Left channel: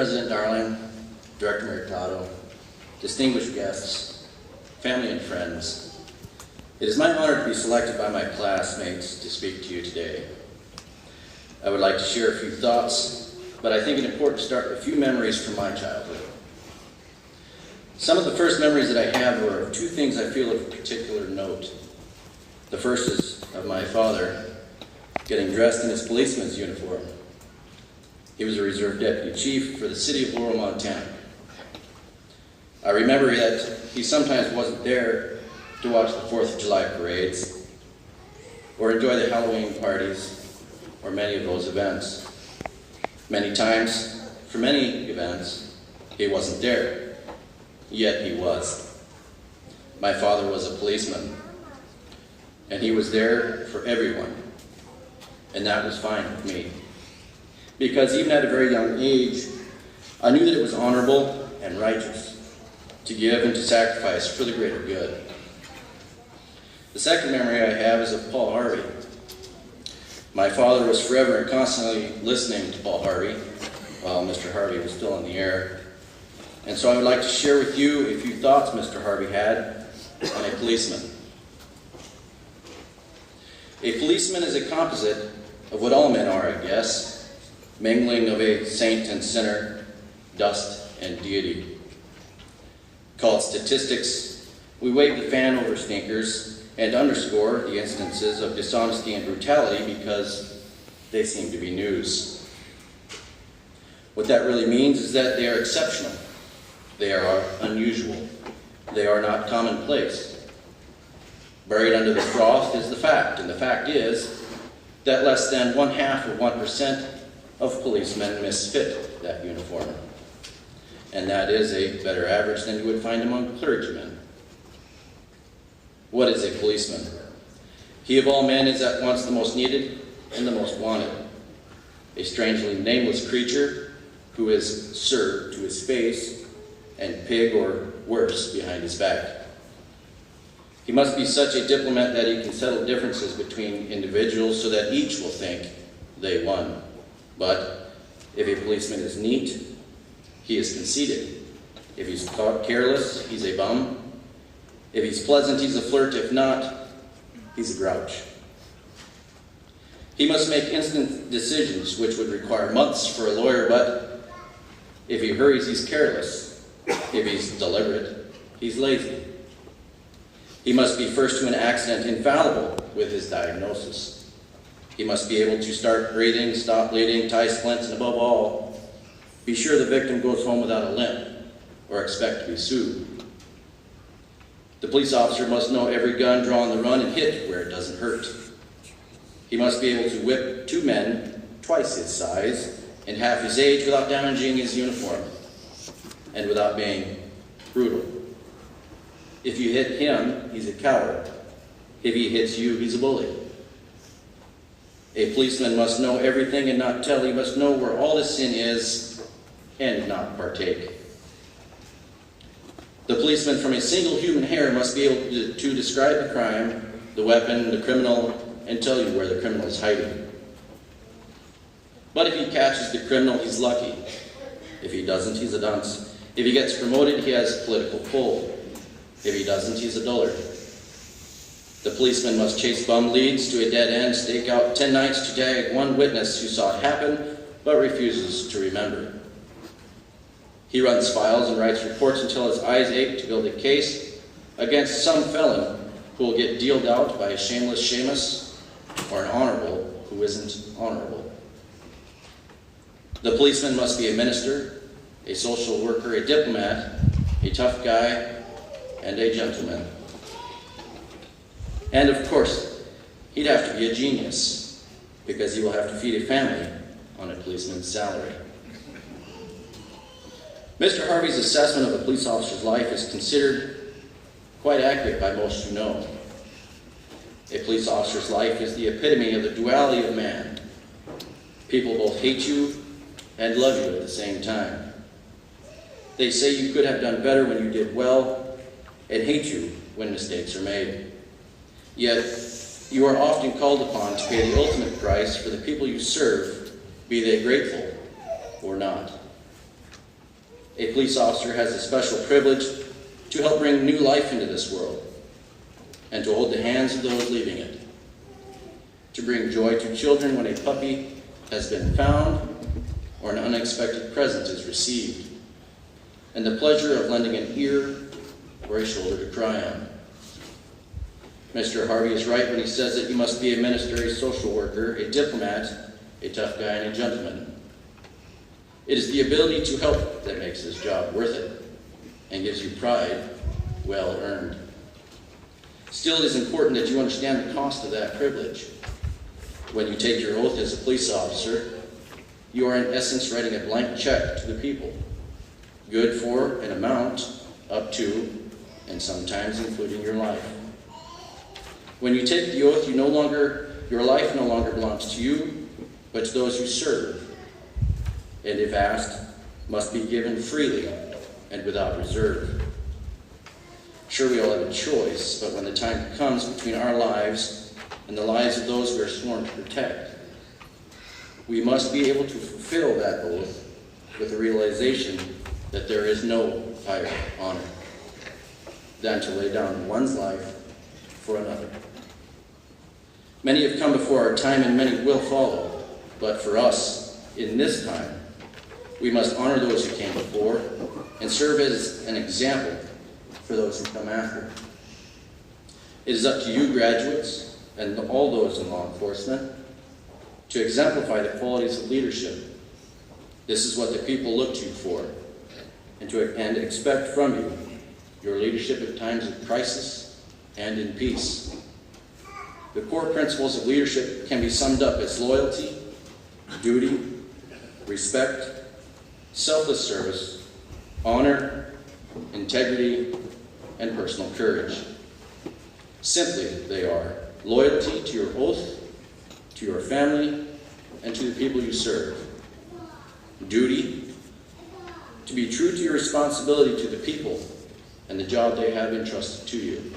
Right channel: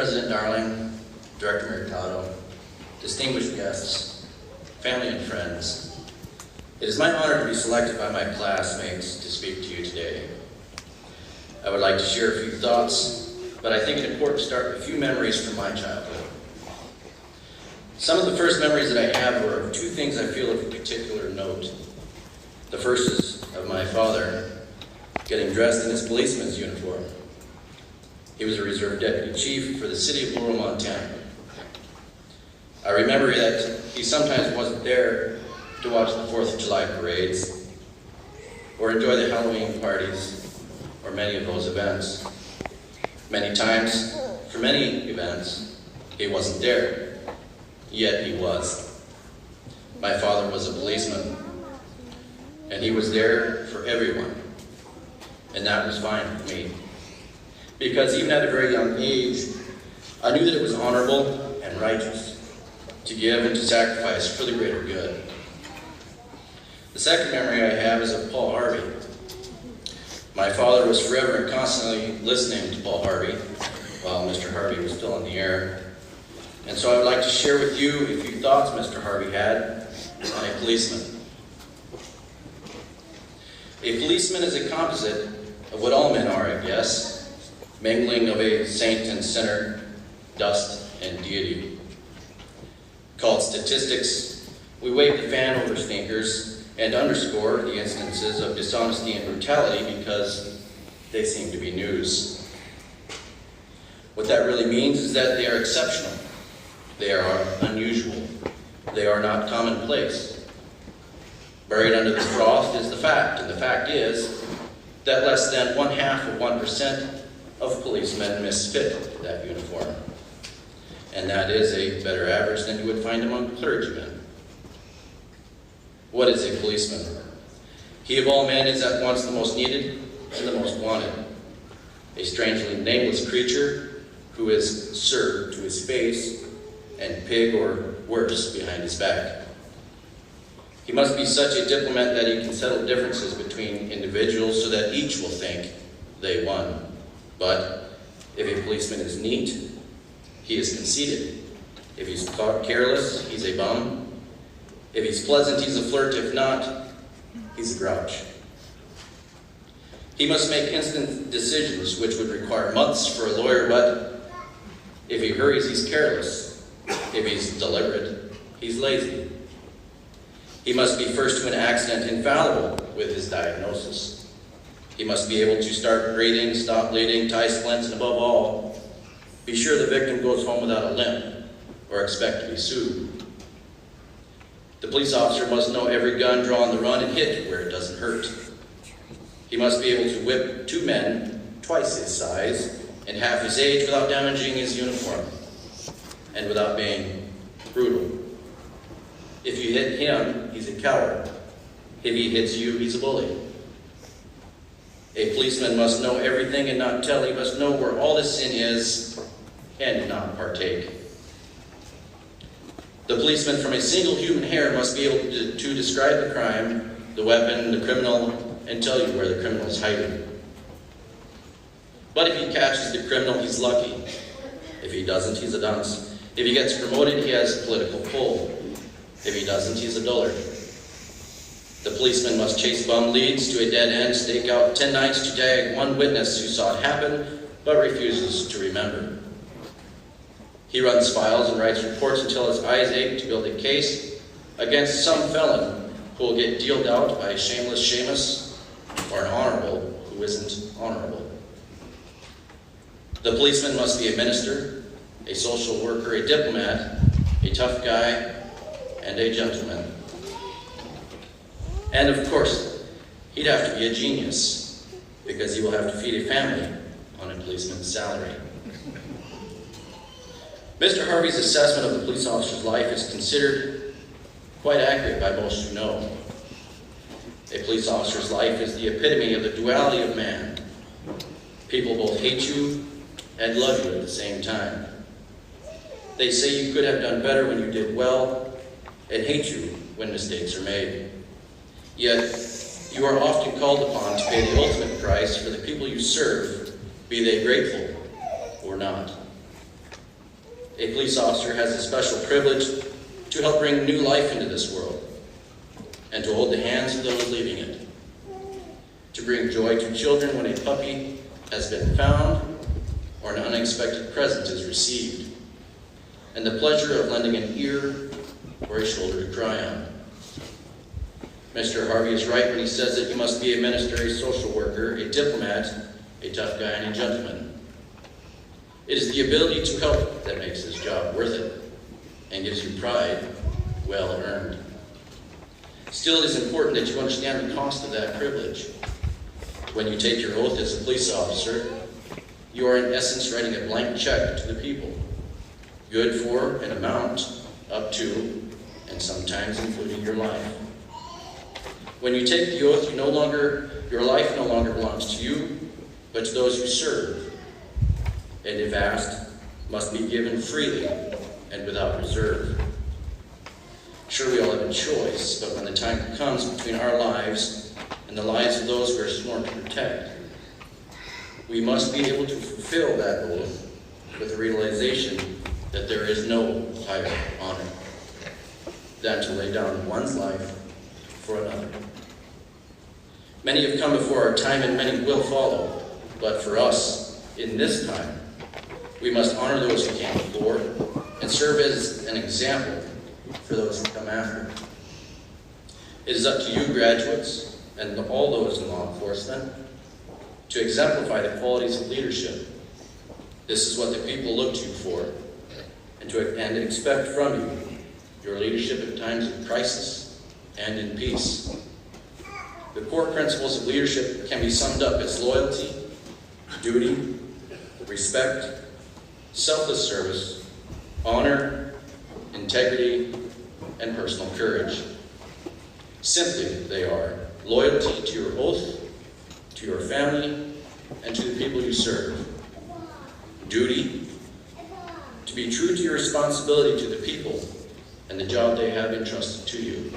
President Darling, Director Mercado, distinguished guests, family and friends, it is my honor to be selected by my classmates to speak to you today. I would like to share a few thoughts, but I think it important to start with a few memories from my childhood. Some of the first memories that I have were of two things I feel of particular note. The first is of my father getting dressed in his policeman's uniform. He was a reserve deputy chief for the city of Laurel, Montana. I remember that he sometimes wasn't there to watch the 4th of July parades or enjoy the Halloween parties or many of those events. Many times, for many events, he wasn't there, yet he was. My father was a policeman, and he was there for everyone, and that was fine with me. Because even at a very young age, I knew that it was honorable and righteous to give and to sacrifice for the greater good. The second memory I have is of Paul Harvey. My father was forever and constantly listening to Paul Harvey while Mr. Harvey was still in the air. And so I would like to share with you a few thoughts Mr. Harvey had on a policeman. A policeman is a composite of what all men are, I guess, mingling of a saint and sinner, dust and deity. Called statistics, we wave the fan over stinkers and underscore the instances of dishonesty and brutality because they seem to be news. What that really means is that they are exceptional. They are unusual. They are not commonplace. Buried under this frost is the fact, and the fact is that less than 0.5% of policemen misfit that uniform. And that is a better average than you would find among clergymen. What is a policeman? He of all men is at once the most needed and the most wanted. A strangely nameless creature who is served to his face and pig or worse behind his back. He must be such a diplomat that he can settle differences between individuals so that each will think they won. But if a policeman is neat, he is conceited. If he's careless, he's a bum. If he's pleasant, he's a flirt. If not, he's a grouch. He must make instant decisions, which would require months for a lawyer, but if he hurries, he's careless. If he's deliberate, he's lazy. He must be first to an accident infallible with his diagnosis. He must be able to start breathing, stop bleeding, tie splints, and above all, be sure the victim goes home without a limp or expect to be sued. The police officer must know every gun, draw on the run, and hit where it doesn't hurt. He must be able to whip two men twice his size and half his age without damaging his uniform and without being brutal. If you hit him, he's a coward. If he hits you, he's a bully. A policeman must know everything and not tell. He must know where all the sin is and not partake. The policeman from a single human hair must be able to describe the crime, the weapon, the criminal, and tell you where the criminal is hiding. But if he catches the criminal, he's lucky. If he doesn't, he's a dunce. If he gets promoted, he has political pull. If he doesn't, he's a dullard. The policeman must chase bum leads to a dead end, stake out 10 nights to gag one witness who saw it happen, but refuses to remember. He runs files and writes reports until his eyes ache to build a case against some felon who will get dealed out by a shameless Seamus or an honorable who isn't honorable. The policeman must be a minister, a social worker, a diplomat, a tough guy, and a gentleman. And of course, he'd have to be a genius, because he will have to feed a family on a policeman's salary. Mr. Harvey's assessment of the police officer's life is considered quite accurate by most who know. A police officer's life is the epitome of the duality of man. People both hate you and love you at the same time. They say you could have done better when you did well, and hate you when mistakes are made. Yet, you are often called upon to pay the ultimate price for the people you serve, be they grateful or not. A police officer has a special privilege to help bring new life into this world and to hold the hands of those leaving it, to bring joy to children when a puppy has been found or an unexpected present is received, and the pleasure of lending an ear or a shoulder to cry on. Mr. Harvey is right when he says that you must be a minister, a social worker, a diplomat, a tough guy, and a gentleman. It is the ability to help that makes this job worth it and gives you pride well earned. Still, it is important that you understand the cost of that privilege. When you take your oath as a police officer, you are in essence writing a blank check to the people, good for an amount up to and sometimes including your life. When you take the oath, your life no longer belongs to you, but to those you serve, and if asked, must be given freely and without reserve. Sure, we all have a choice, but when the time comes between our lives and the lives of those we are sworn to protect, we must be able to fulfill that oath with the realization that there is no higher honor than to lay down one's life for another. Many have come before our time and many will follow, but for us, in this time, we must honor those who came before and serve as an example for those who come after. It is up to you, graduates, and all those in law enforcement, to exemplify the qualities of leadership. This is what the people look to you for, and expect from you, your leadership in times of crisis and in peace. The core principles of leadership can be summed up as loyalty, duty, respect, selfless service, honor, integrity, and personal courage. Simply, they are loyalty to your oath, to your family, and to the people you serve. Duty, to be true to your responsibility to the people and the job they have entrusted to you.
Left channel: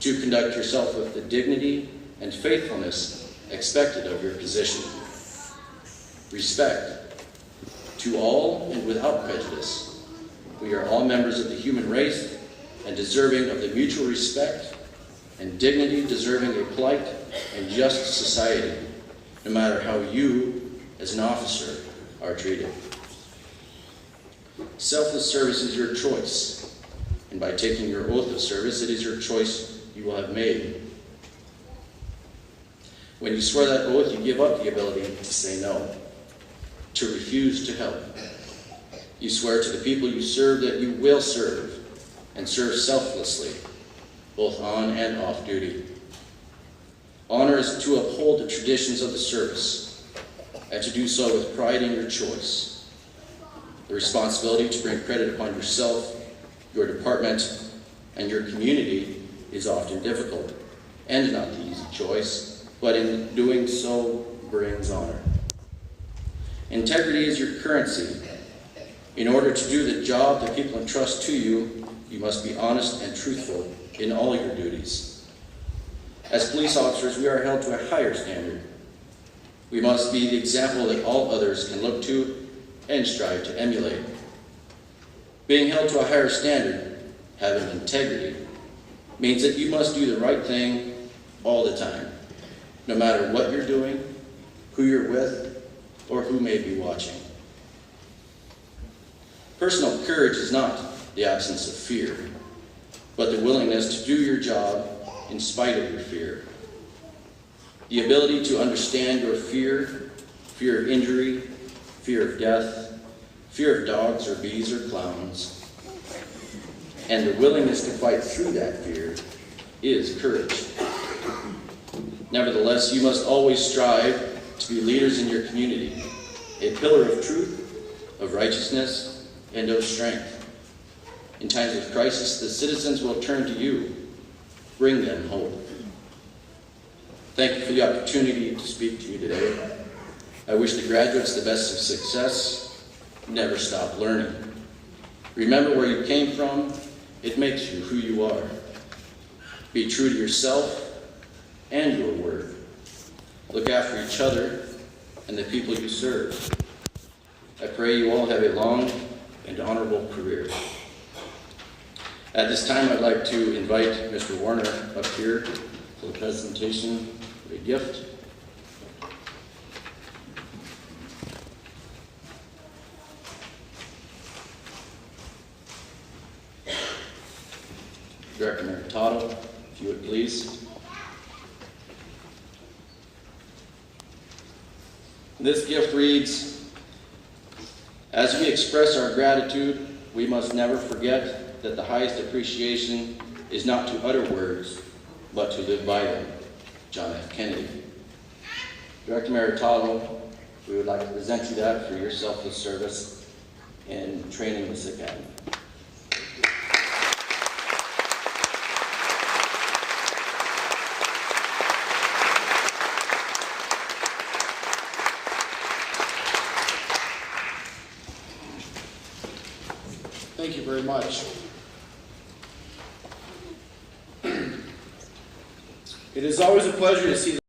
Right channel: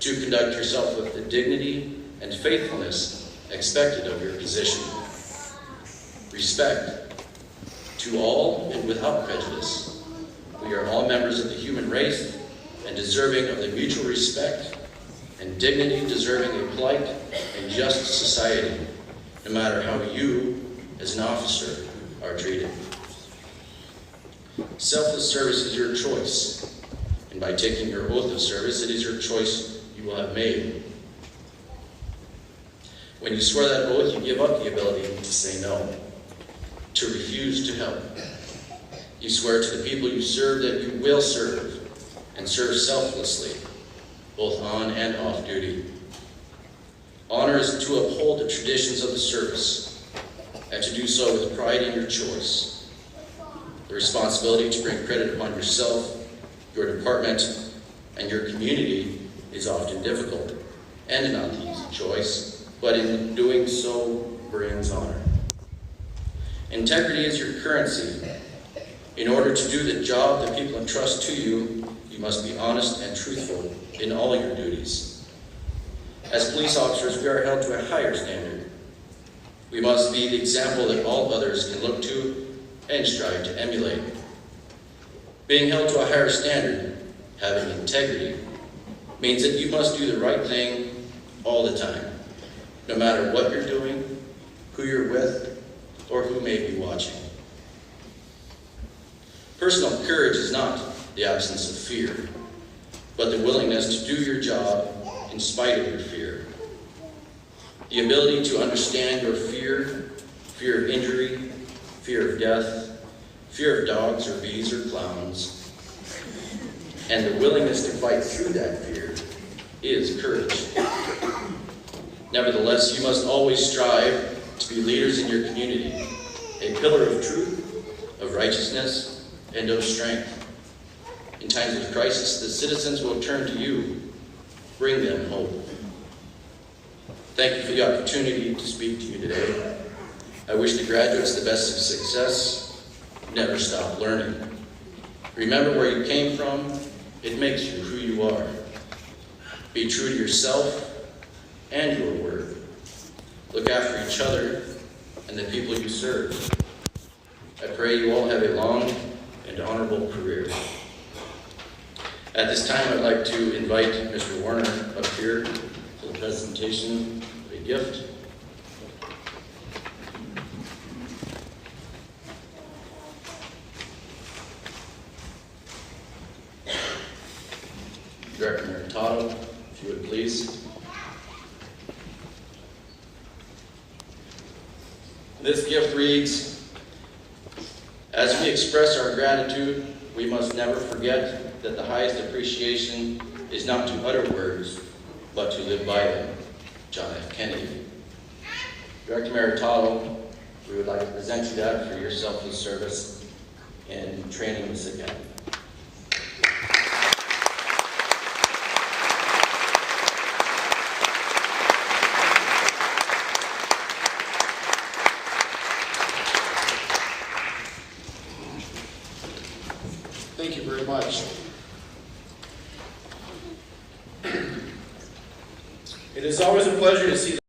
To conduct yourself with the dignity and faithfulness expected of your position. Respect, to all and without prejudice. We are all members of the human race and deserving of the mutual respect and dignity deserving a polite and just society, no matter how you, as an officer, are treated. Selfless service is your choice, and by taking your oath of service, it is your choice you will have made. When you swear that oath, you give up the ability to say no, to refuse to help. You swear to the people you serve that you will serve, and serve selflessly, both on and off duty. Honor is to uphold the traditions of the service, and to do so with pride in your choice. The responsibility to bring credit upon yourself, your department, and your community is often difficult, and not the easy choice, but in doing so brings honor. Integrity is your currency. In order to do the job that people entrust to you, you must be honest and truthful in all your duties. As police officers, we are held to a higher standard. We must be the example that all others can look to and strive to emulate. Being held to a higher standard, having integrity, means that you must do the right thing all the time, no matter what you're doing, who you're with, or who may be watching. Personal courage is not the absence of fear, but the willingness to do your job in spite of your fear. The ability to understand your fear, fear of injury, fear of death, fear of dogs or bees or clowns, and the willingness to fight through that fear is courage. Nevertheless, you must always strive to be leaders in your community, a pillar of truth, of righteousness, and of strength. In times of crisis, the citizens will turn to you. Bring them hope. Thank you for the opportunity to speak to you today. I wish the graduates the best of success. Never stop learning. Remember where you came from. It makes you who you are. Be true to yourself and your work. Look after each other and the people you serve. I pray you all have a long, and honorable career. At this time, I'd like to invite Mr. Warner up here for the presentation of a gift. Director Mercatado, if you would please. This gift reads, "As we express our gratitude, we must never forget that the highest appreciation is not to utter words, but to live by them. John F. Kennedy." Director Mercatado, we would like to present you that for your selfless service in training this academy. Thank you very much. It is always a pleasure to see